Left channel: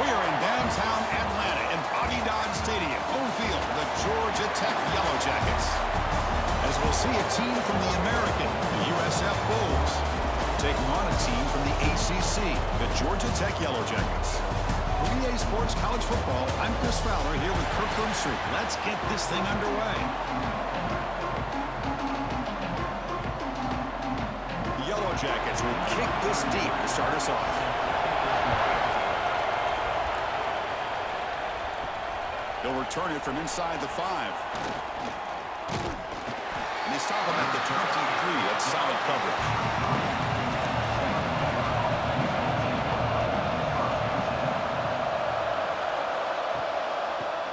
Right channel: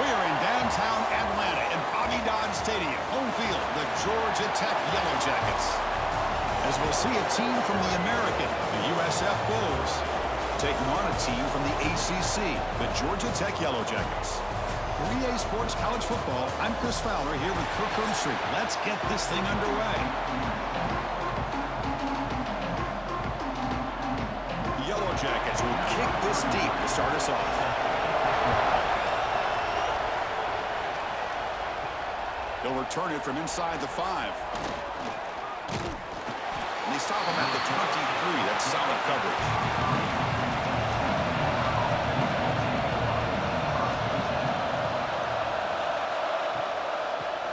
We are in downtown Atlanta in Bobby Dodd Stadium, home field, the Georgia Tech Yellow Jackets. As we'll see a team from the American, the USF Bulls, taking on a team from the ACC, the Georgia Tech Yellow Jackets. For EA Sports College Football, I'm Chris Fowler here with Kirk Herbstreit. Let's get this thing underway. The Yellow Jackets will kick this deep to start us off. They'll return it from inside the 5. And they stop him at the 23. That's solid coverage.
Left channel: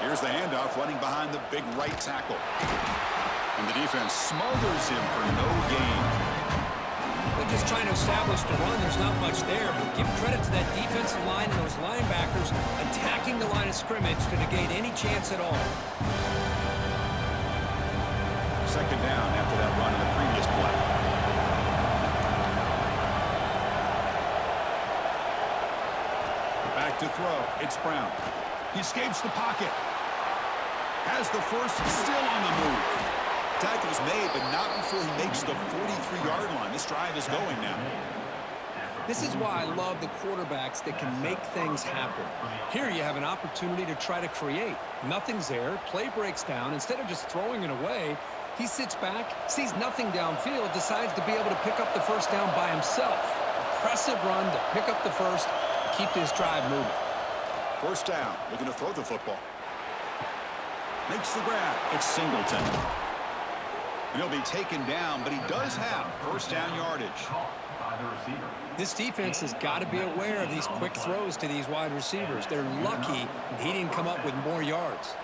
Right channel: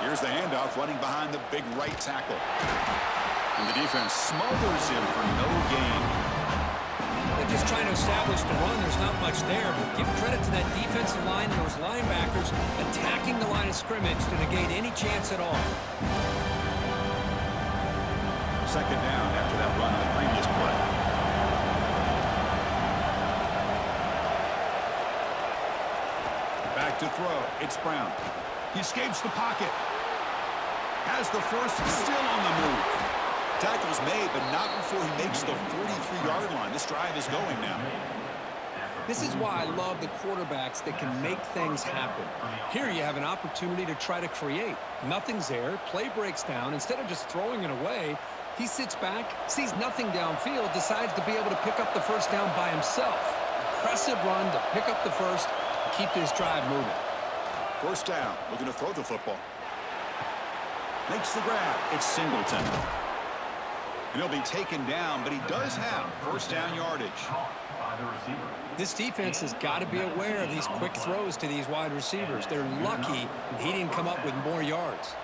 Here's the handoff running behind the big right tackle. And the defense smothers him for no gain. They're just trying to establish the run. There's not much there, but give credit to that defensive line and those linebackers attacking the line of scrimmage to negate any chance at all. Second down after that run on the previous play. Back to throw. It's Brown. He escapes the pocket. Has the first, still on the move. Tackle's made, but not before he makes the 43-yard line. This drive is going now. This is why I love the quarterbacks that can make things happen. Here you have an opportunity to try to create. Nothing's there. Play breaks down. Instead of just throwing it away, he sits back, sees nothing downfield, decides to be able to pick up the first down by himself. Impressive run to pick up the first and keep this drive moving. First down, looking to throw the football. Makes the grab. It's Singleton. And he'll be taken down, but he does have first down yardage. This defense has got to be aware of these quick throws to these wide receivers. They're lucky he didn't come up with more yards.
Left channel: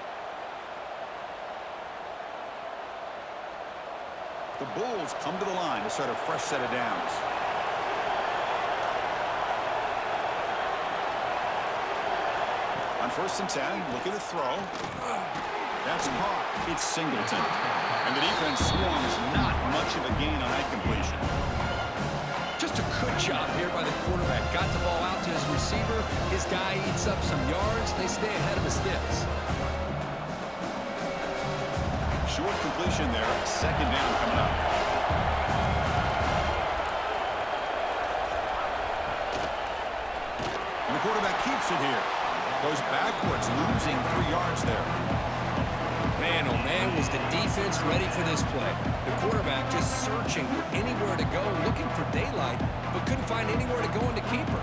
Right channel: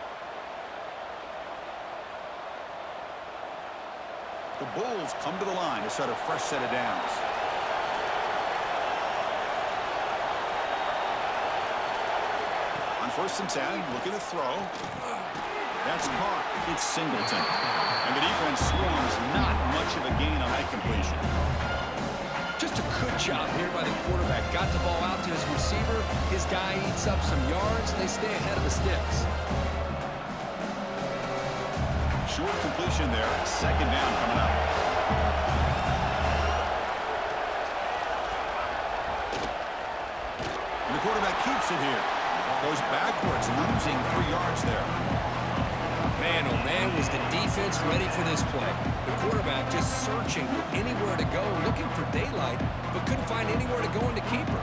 The Bulls come to the line to start a fresh set of downs. On 1st and 10, looking to throw. That's caught. It's Singleton. And the defense swarms, not much of a gain on that completion. Just a good job here by the quarterback. Got the ball out to his receiver. His guy eats up some yards. They stay ahead of the sticks. Short completion there. Second down coming up. And the quarterback keeps it here. Goes backwards, losing 3 yards there. Man, oh man, was the defense ready for this play. The quarterback just searching for anywhere to go, looking for daylight, but couldn't find anywhere to go in the keeper.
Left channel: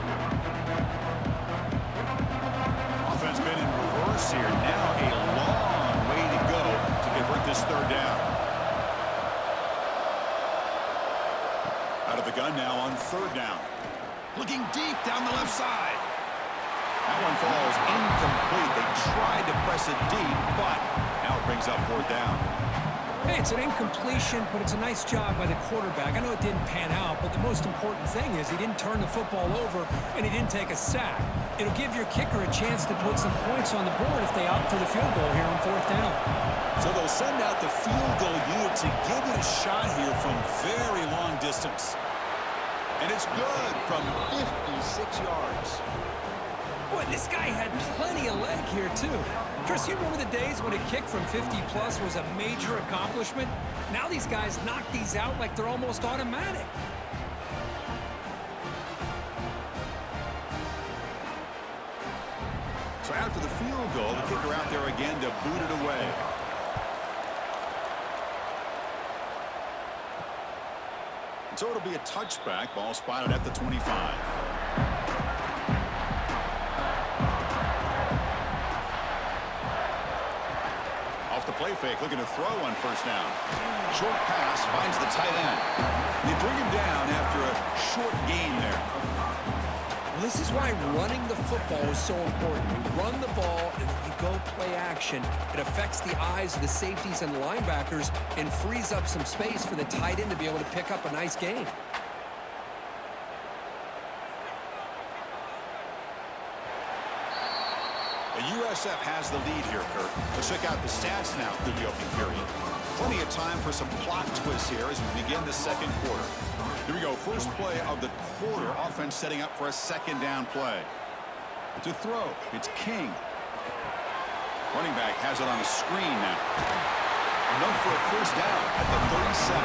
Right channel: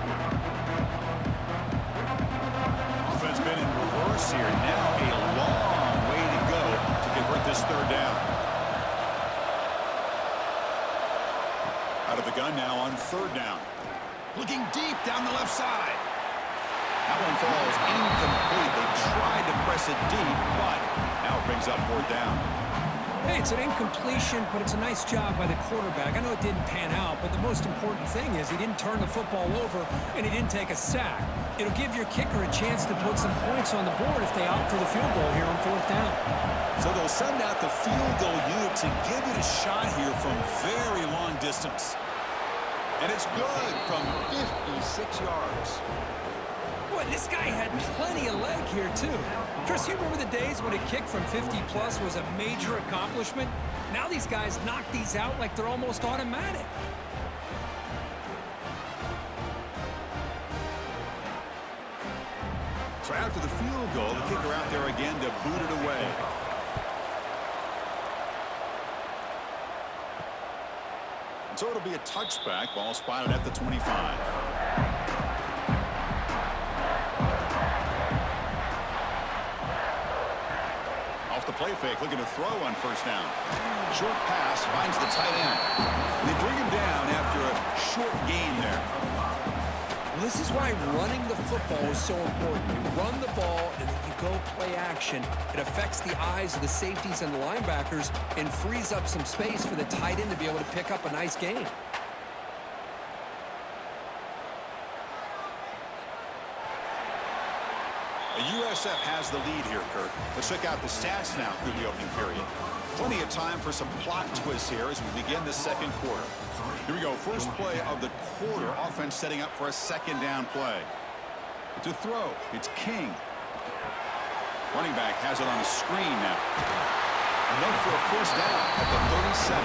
Offense been in reverse here. Now a long way to go to convert this third down. Out of the gun now on 3rd down. Looking deep down the left side. That one falls incomplete. They tried to press it deep, but now it brings up 4th down. Hey, it's an incompletion, but it's a nice job by the quarterback. I know it didn't pan out, but the most important thing is he didn't turn the football over and he didn't take a sack. It'll give your kicker a chance to put some points on the board if they opt for the field goal here on 4th down. So they'll send out the field goal unit to give it a shot here from very long distance. And it's good from 56 yards. Boy, this guy had plenty of leg here, too. Chris, you remember the days when a kick from 50-plus was a major accomplishment? Now these guys knock these out like they're almost automatic. So after the field goal, the kicker out there again to boot it away. And so it'll be a touchback. Ball spotted at the 25. Off the play fake, looking to throw on 1st down. Short pass finds the tight end. They bring him down after a short gain there. Well, this is why running the football is so important. You run the ball and then you go play action. It affects the eyes of the safeties and the linebackers and frees up some space for the tight end to be able to pick up a nice gain. The USF has the lead here, Kurt. Let's check out the stats now through the opening period. Plenty of time for some plot twists here as we begin the 2nd quarter. Here we go. First play of the quarter. Offense setting up for a 2nd down play. To throw, it's King. Running back has it on a screen now. Enough for a first down at the 37.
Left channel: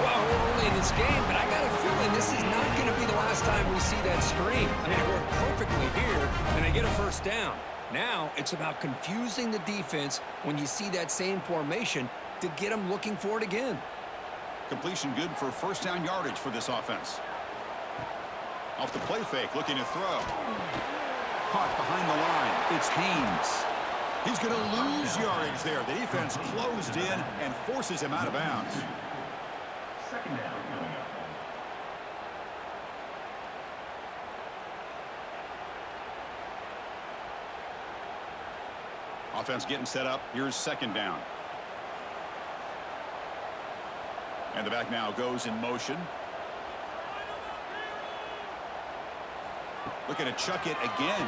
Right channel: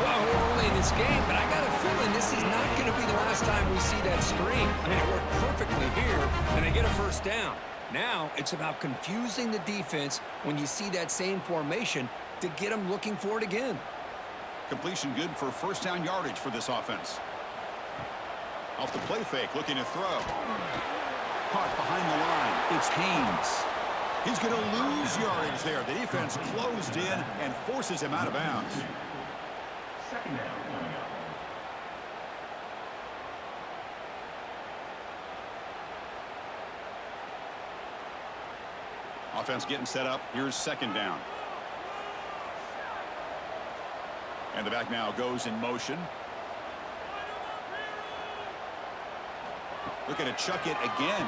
Well, we're only in this game, but I got a feeling this is not going to be the last time we see that screen. I mean, it worked perfectly here, and they get a first down. Now, it's about confusing the defense when you see that same formation to get them looking for it again. Completion good for first down yardage for this offense. Off the play fake, looking to throw. Caught behind the line. It's Haynes. He's going to lose yardage there. The defense closed in and forces him out of bounds. Second down coming up. Offense getting set up. Here's second down. And the back now goes in motion. Looking to chuck it again.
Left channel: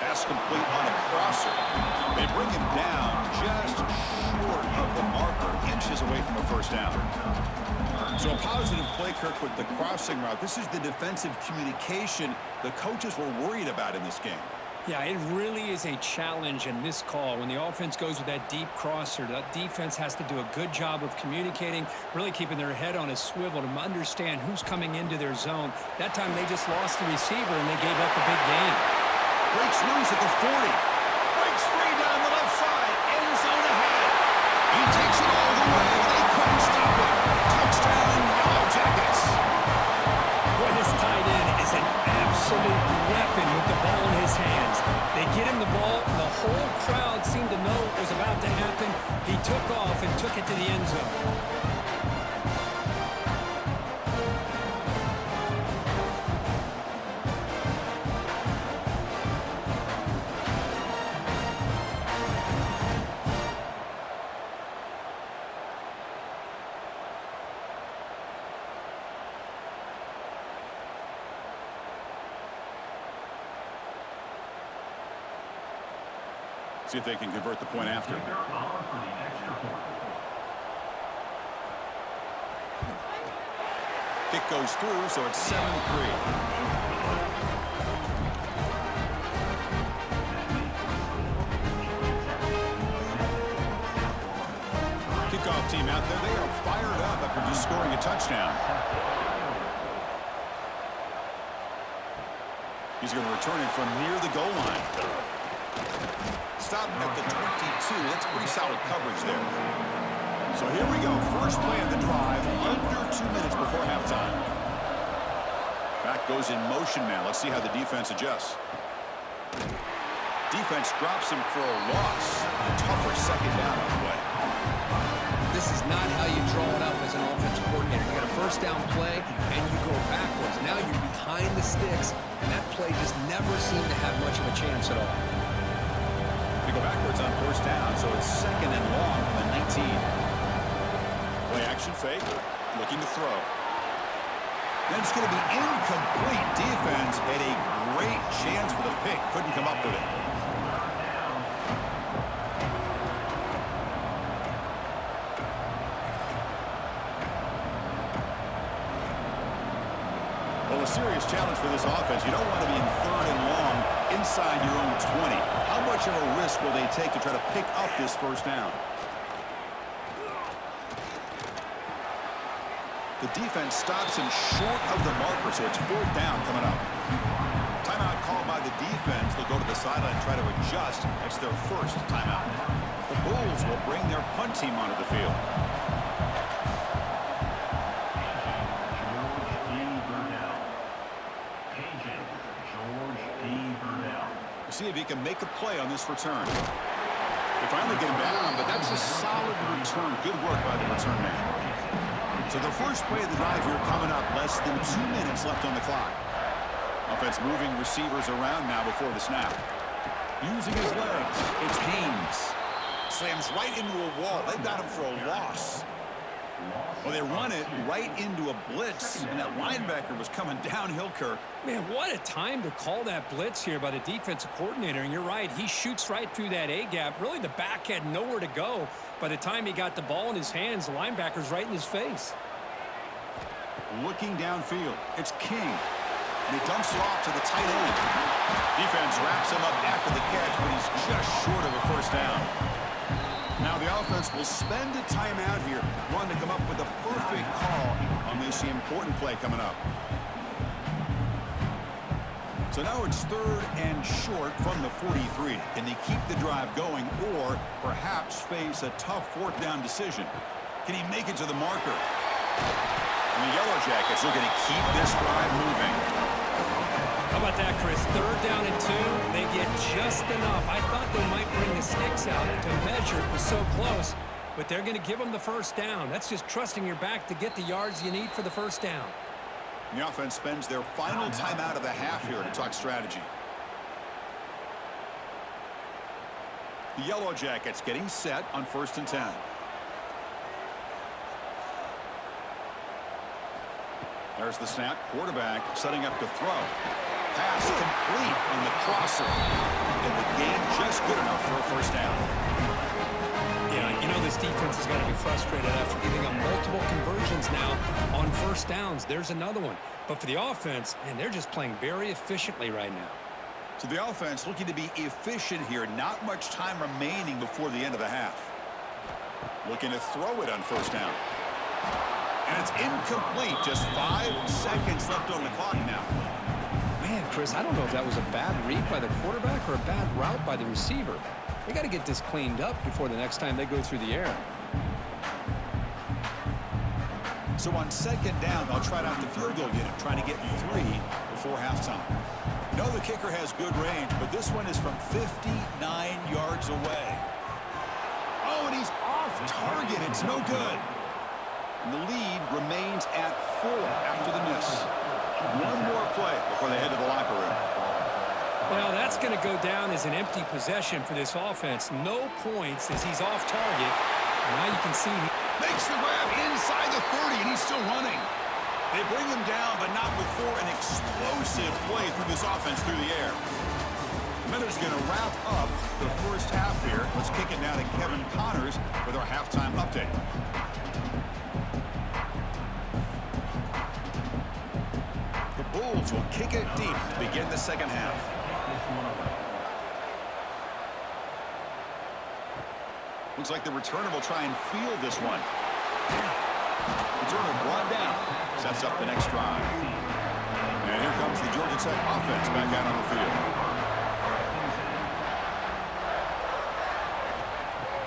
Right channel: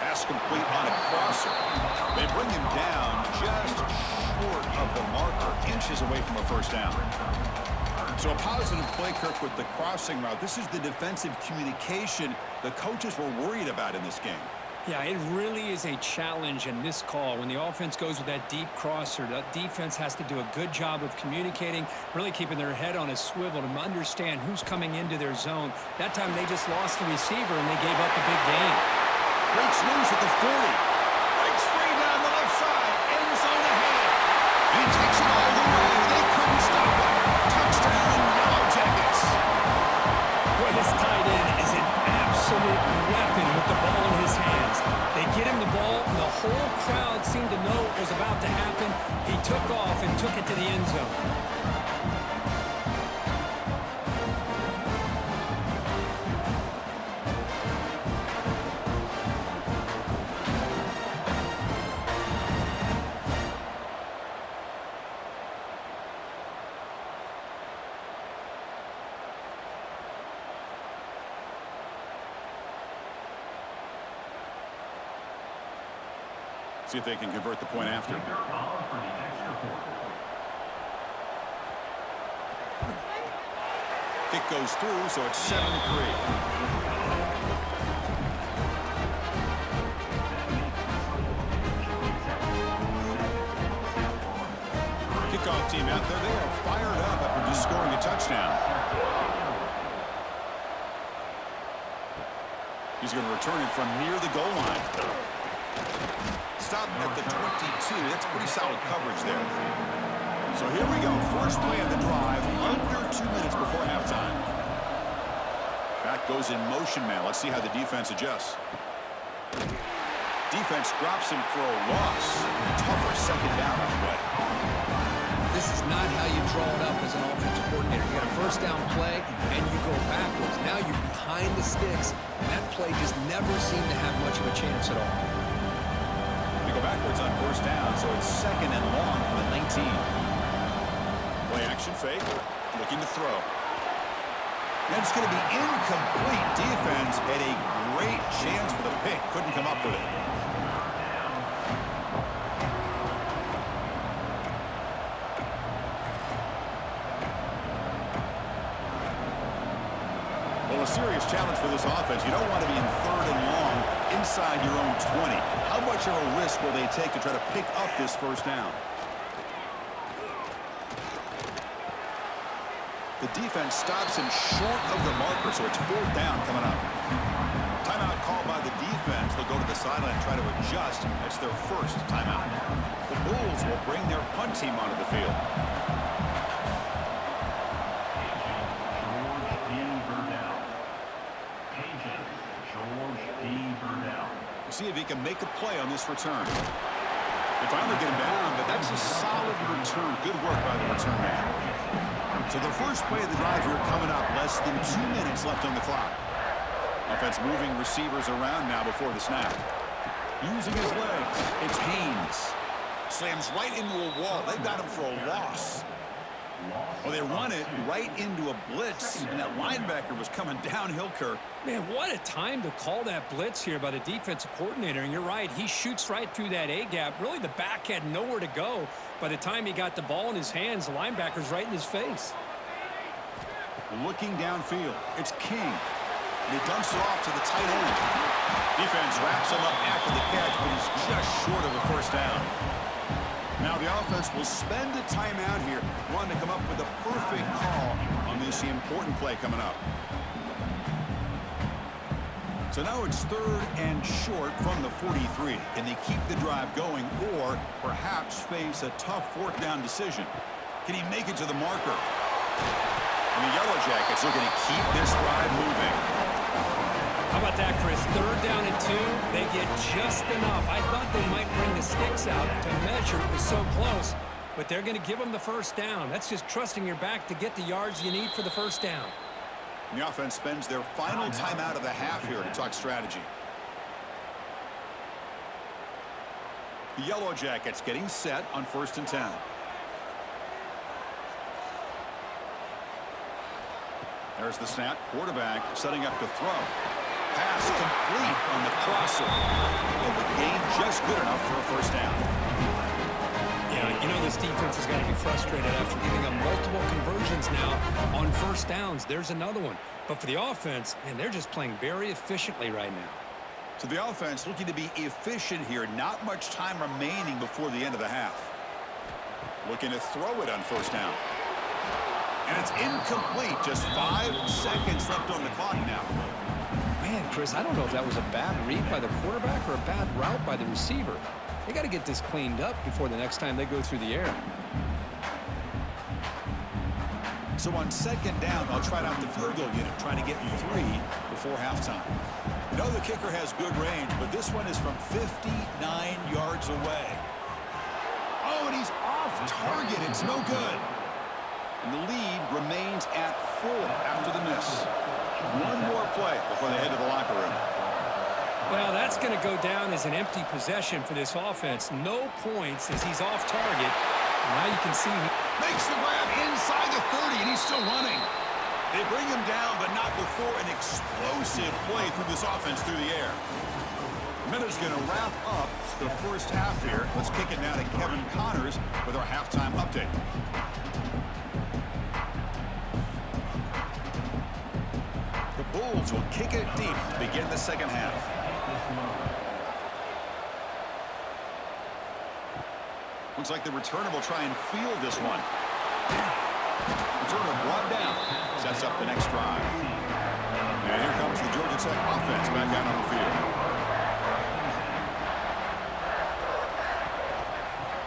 Pass complete on a crosser. They bring him down just short of the marker, inches away from a first down. So a positive play, Kirk, with the crossing route. This is the defensive communication the coaches were worried about in this game. Yeah, it really is a challenge in this call. When the offense goes with that deep crosser, that defense has to do a good job of communicating, really keeping their head on a swivel to understand who's coming into their zone. That time they just lost the receiver and they gave up a big gain. Breaks loose at the 40. Breaks free down the left side. End zone ahead. And he takes it all the way. They couldn't stop him. Touchdown, Yellow Jackets. Boy, this tight end is an absolute weapon with the ball in his hands. They get him the ball, and the whole crowd seemed to know what was about to happen. He took off and took it to the end zone. See if they can convert the point after. They're on for the extra point. Kick goes through, so it's 7-3. Kickoff team out there, they are fired up after just scoring a touchdown. He's going to return it from near the goal line. Stop at the 22. That's pretty solid coverage there. So here we go. First play of the drive, under 2 minutes before halftime. Back goes in motion now. Let's see how the defense adjusts. Defense drops him for a loss. Tougher second down on the way. This is not how you draw it up as an offensive coordinator. You got a first down play, and you go backwards. Now you're behind the sticks, and that play just never seemed to have much of a chance at all. They go backwards on first down, so it's second and long from the 19. Play action fake, looking to throw. That's going to be incomplete. Defense had a great chance for the pick. Couldn't come up with it. Well, a serious challenge for this offense. You don't want to be in third and long inside your own 20. How much of a risk will they take to try to pick up this first down? The defense stops him short of the marker, so it's fourth down coming up. Timeout called by the defense. They'll go to the sideline and try to adjust. That's their first timeout. The Bulls will bring their punt team onto the field. See if he can make a play on this return. They finally get him down, but that's a solid return. Good work by the return man. So the first play of the drive here coming up, less than 2 minutes left on the clock. Offense moving receivers around now before the snap. Using his legs, it's Haynes. Slams right into a wall. They've got him for a loss. Well, they run it right into a blitz, and that linebacker was coming downhill, Kirk. Man, what a time to call that blitz here by the defensive coordinator. And you're right, he shoots right through that A-gap. Really, the back had nowhere to go. By the time he got the ball in his hands, the linebacker's right in his face. Looking downfield, it's King. And he dumps it off to the tight end. Defense wraps him up after the catch, but he's just short of a first down. Now the offense will spend a timeout here, wanting to come up with a perfect call on this important play coming up. So now it's 3rd and short from the 43. Can they keep the drive going or perhaps face a tough 4th down decision? Can he make it to the marker? And the Yellow Jackets looking to keep this drive moving. How about that, Chris? 3rd down and 2. They get just enough. I thought they might bring the sticks out to measure. It was so close. But they're going to give them the first down. That's just trusting your back to get the yards you need for the first down. The offense spends their final timeout of the half here to talk strategy. The Yellow Jackets getting set on 1st and 10. There's the snap. Quarterback setting up to throw. Pass complete on the crosser. And the gain just good enough for a first down. Yeah, you know this defense has got to be frustrated after giving up multiple conversions now on first downs. There's another one. But for the offense, man, they're just playing very efficiently right now. So the offense looking to be efficient here. Not much time remaining before the end of the half. Looking to throw it on first down. And it's incomplete. Just 5 seconds left on the clock now. Man, Chris, I don't know if that was a bad read by the quarterback or a bad route by the receiver. They got to get this cleaned up before the next time they go through the air. So on 2nd down, they'll try out the field goal unit, trying to get 3 before halftime. You know the kicker has good range, but this one is from 59 yards away. Oh, and he's off target. It's no good. And the lead remains at 4 after the miss. One more play before they head to the locker room. Well, that's going to go down as an empty possession for this offense. No points as he's off target. Now you can see he makes the grab inside the 30, and he's still running. They bring him down, but not before an explosive play through this offense through the air. The minute's going to wrap up the first half here. Let's kick it now to Kevin Connors with our halftime update. The Bulls will kick it deep to begin the second half. Looks like the returner will try and field this one. Returner brought down. Sets up the next drive. And here comes the Georgia Tech offense back out on the field.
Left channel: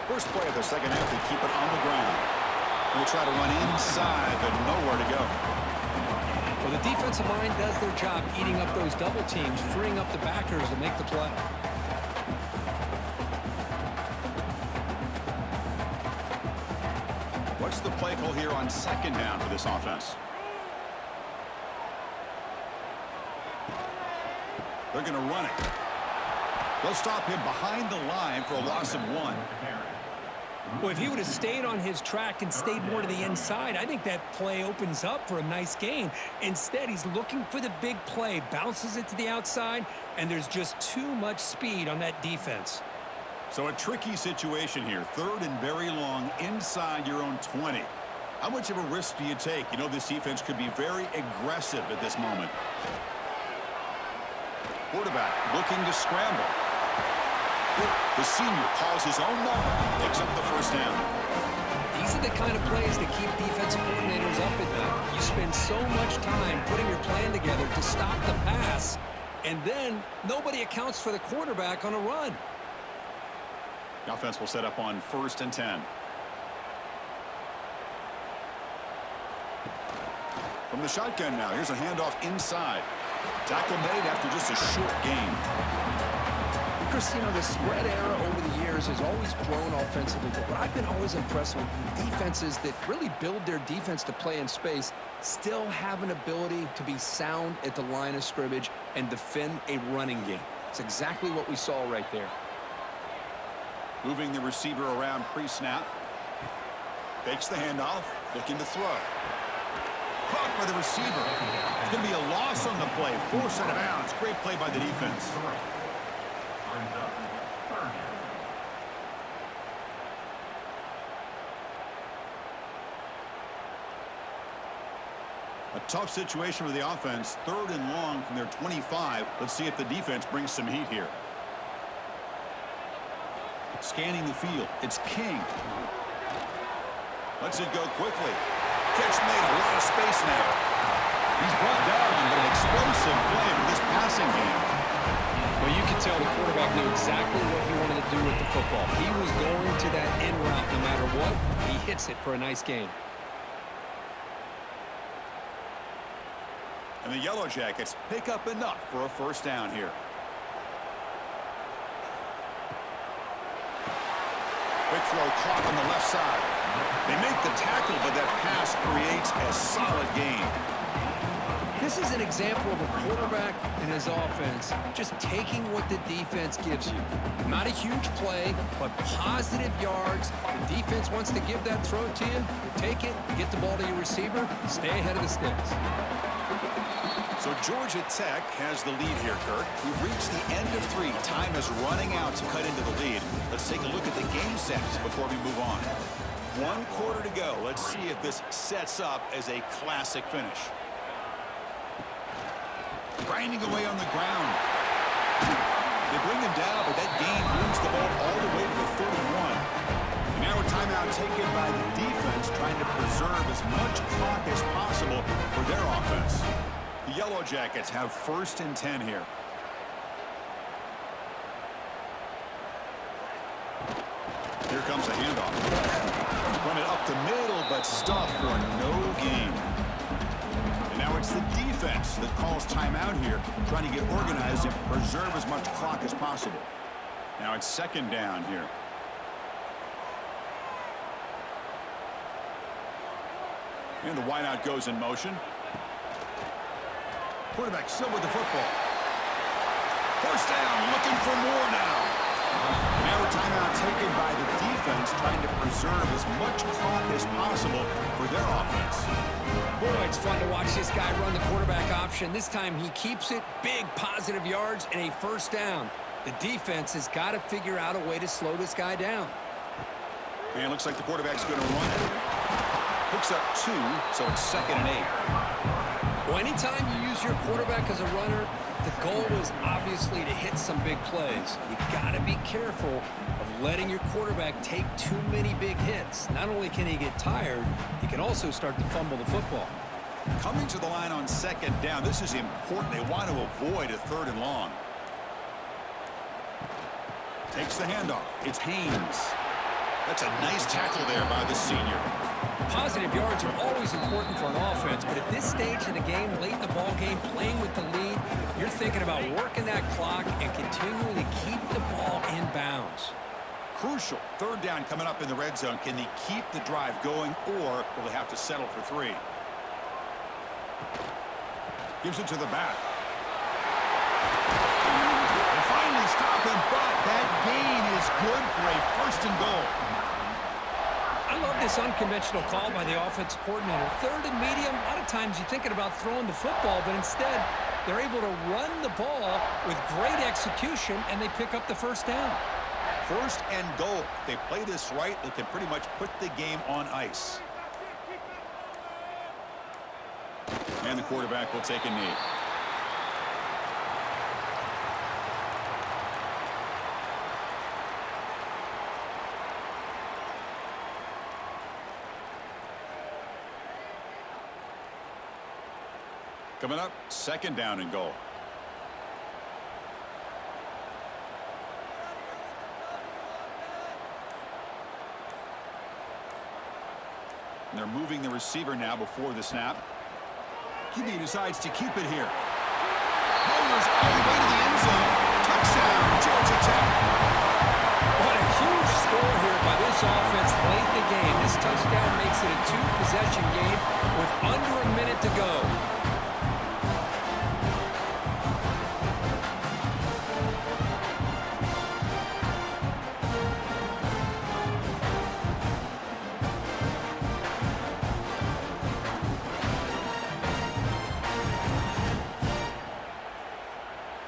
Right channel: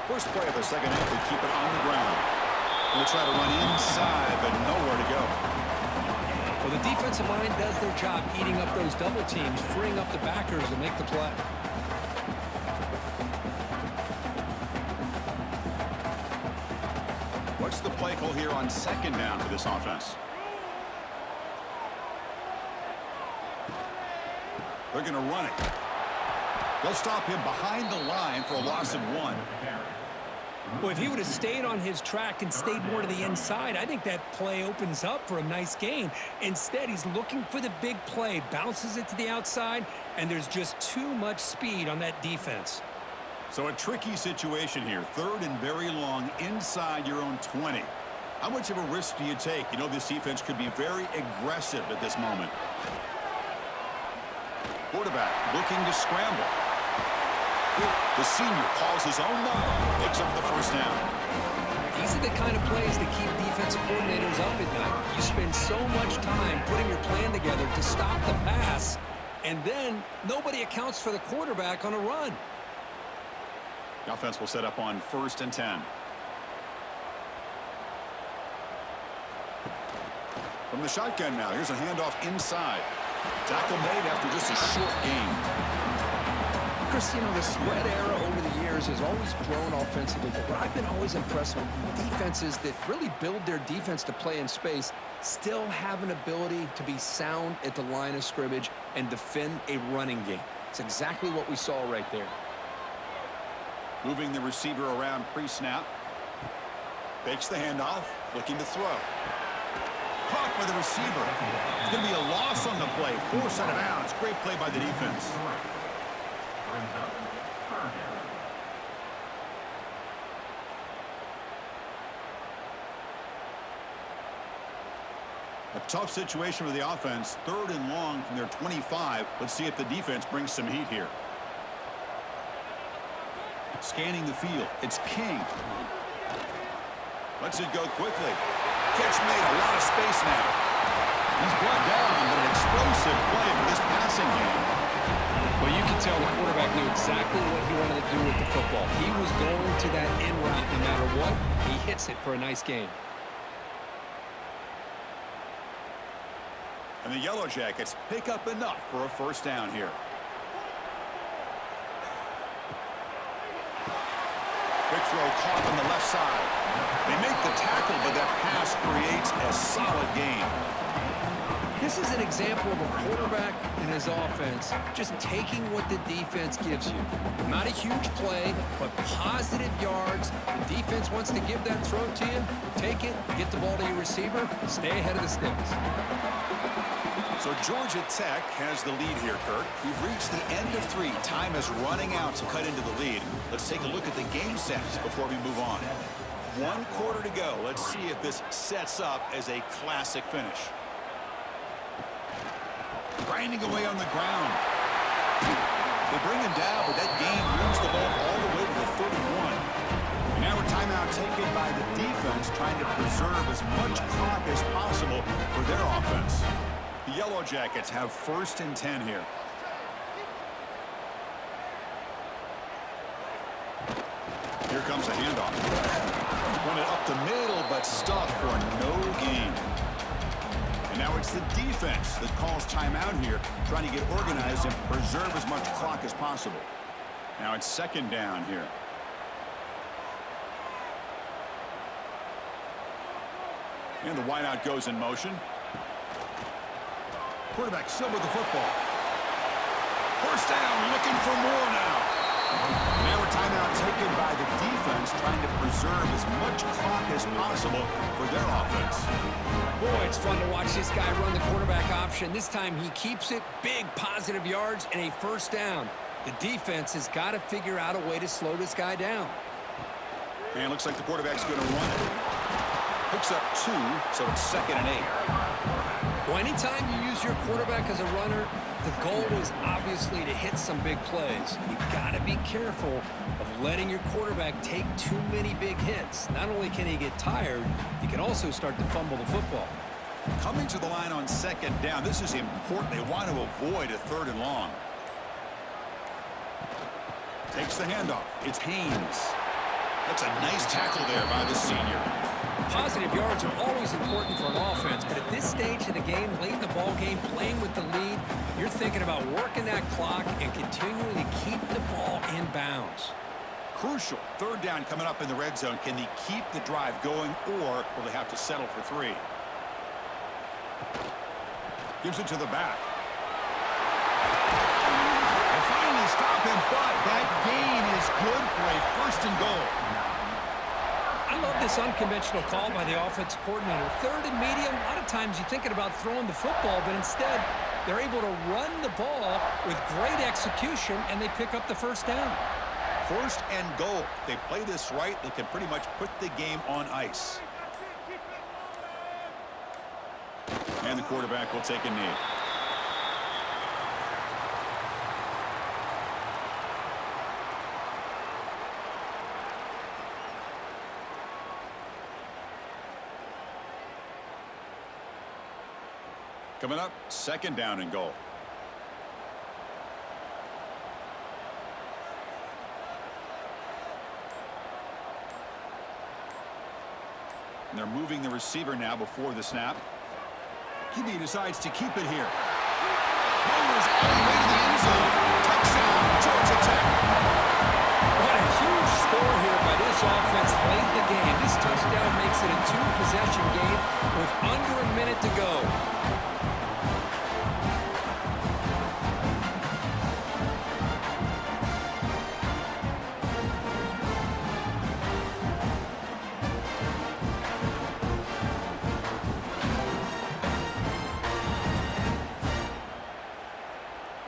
First play of the second half, they keep it on the ground. And they try to run inside, but nowhere to go. Well, the defensive line does their job eating up those double teams, freeing up the backers to make the play. What's the play call here on 2nd down for this offense? They're going to run it. They'll stop him behind the line for a loss of 1. Well, if he would have stayed on his track and stayed more to the inside, I think that play opens up for a nice gain. Instead, he's looking for the big play, bounces it to the outside, and there's just too much speed on that defense. So a tricky situation here. 3rd and very long inside your own 20. How much of a risk do you take? You know this defense could be very aggressive at this moment. Quarterback looking to scramble. The senior calls his own number, picks up the first down. These are the kind of plays that keep defensive coordinators up at night. You spend so much time putting your plan together to stop the pass, and then nobody accounts for the quarterback on a run. The offense will set up on 1st and 10. From the shotgun now, here's a handoff inside. Tackle made after just a short gain. Chris, you know, the spread era over the years has always grown offensively, but what I've been always impressed with defenses that really build their defense to play in space still have an ability to be sound at the line of scrimmage and defend a running game. It's exactly what we saw right there. Moving the receiver around pre-snap. Fakes the handoff, looking to throw. Caught by the receiver. It's going to be a loss on the play. Forced out of bounds. Great play by the defense. Brings up 3rd down. A tough situation for the offense. 3rd and long from their 25. Let's see if the defense brings some heat here. Scanning the field. It's King. Lets it go quickly. Catch made. A lot of space now. He's brought down, but an explosive play for this passing game. Well, you can tell the quarterback knew exactly what he wanted to do with the football. He was going to that end route no matter what. He hits it for a nice gain. And the Yellow Jackets pick up enough for a first down here. Quick throw caught on the left side. They make the tackle, but that pass creates a solid gain. This is an example of a quarterback and his offense just taking what the defense gives you. Not a huge play, but positive yards. The defense wants to give that throw to you. You take it, get the ball to your receiver, stay ahead of the sticks. So Georgia Tech has the lead here, Kirk. We've reached the end of 3. Time is running out to cut into the lead. Let's take a look at the game sets before we move on. 1 quarter to go. Let's see if this sets up as a classic finish. Grinding away on the ground. They bring him down, but that gain moves the ball all the way to the 31. And now a timeout taken by the defense, trying to preserve as much clock as possible for their offense. The Yellow Jackets have 1st and 10 here. Here comes a handoff. Run it up the middle, but stuffed for no gain. And now it's the defense that calls timeout here, trying to get organized and preserve as much clock as possible. Now it's 2nd down here. And the wideout goes in motion. Quarterback still with the football. 1st down, looking for more now. Now a timeout taken by the defense, trying to preserve as much clock as possible for their offense. Boy, it's fun to watch this guy run the quarterback option. This time he keeps it, big positive yards, and a 1st down. The defense has got to figure out a way to slow this guy down. And looks like the quarterback's going to run it. Picks up 2, so it's 2nd and 8. Well, anytime you use your quarterback as a runner, the goal is obviously to hit some big plays. You got to be careful of letting your quarterback take too many big hits. Not only can he get tired, he can also start to fumble the football. Coming to the line on 2nd down, this is important. They want to avoid a 3rd and long. Takes the handoff. It's Haynes. That's a nice tackle there by the senior. Positive yards are always important for an offense, but at this stage of the game, late in the ball game, playing with the lead, you're thinking about working that clock and continuing to keep the ball in bounds. Crucial. 3rd down coming up in the red zone. Can they keep the drive going, or will they have to settle for 3? Gives it to the back. They finally stop him, but that gain is good for a 1st and goal. I love this unconventional call by the offensive coordinator. 3rd and medium, a lot of times you're thinking about throwing the football, but instead they're able to run the ball with great execution, and they pick up the 1st down. 1st and goal. If they play this right, they can pretty much put the game on ice. And the quarterback will take a knee. Coming up, 2nd down and goal. And they're moving the receiver now before the snap. QB decides to keep it here. Motors all the way to the end zone. Touchdown, Georgia Tech. What a huge score here by this offense late in the game. This touchdown makes it a 2-possession game with under a minute to go.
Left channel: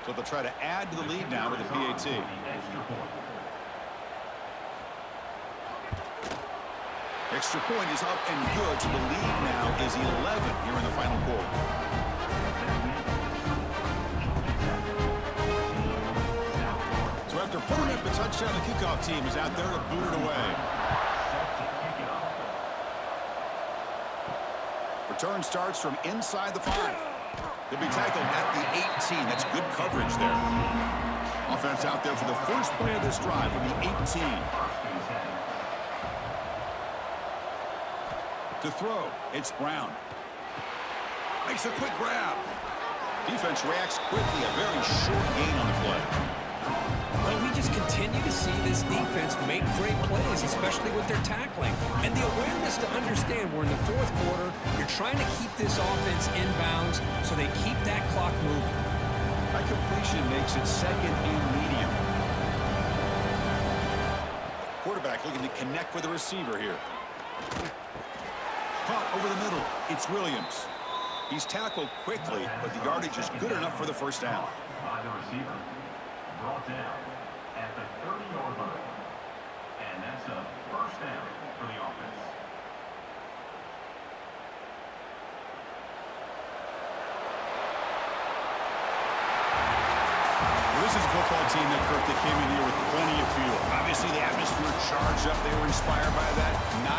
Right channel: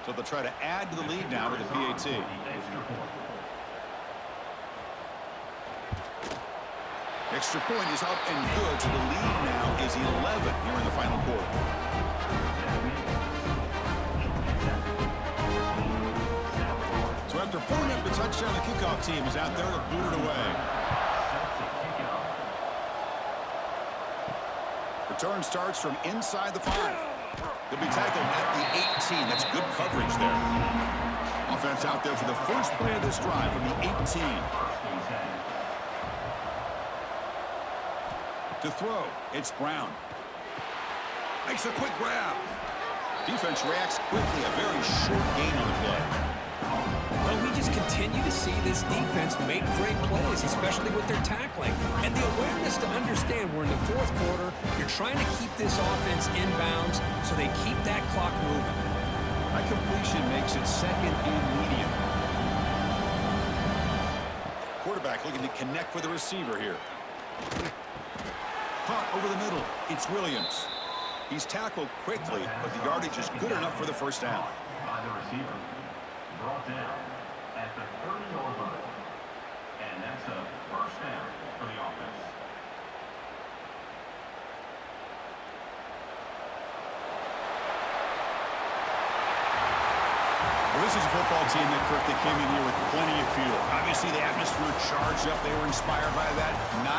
So they'll try to add to the lead now with a PAT. Extra point is up and good, so the lead now is 11 here in the final quarter. So after pulling up the touchdown, the kickoff team is out there to boot it away. Return starts from inside the 5. They'll be tackled at the 18. That's good coverage there. Offense out there for the first play of this drive from the 18. To throw, it's Brown. Makes a quick grab. Defense reacts quickly, a very short gain on the play. Well, we just continue to see this defense make great plays, especially with their tackling. And the awareness to understand we're in the fourth quarter, you're trying to keep this offense in bounds so they keep that clock moving. That completion makes it second and medium. Quarterback looking to connect with the receiver here. Punt over the middle. It's Williams. He's tackled quickly, but the yardage is good enough for the first down. By the receiver. Brought down at the 30-yard line. And that's a first down for the offense. Well, this is a football team that, Kirk, that came in here with plenty of fuel. Obviously, the atmosphere charged up. They were inspired by that. Not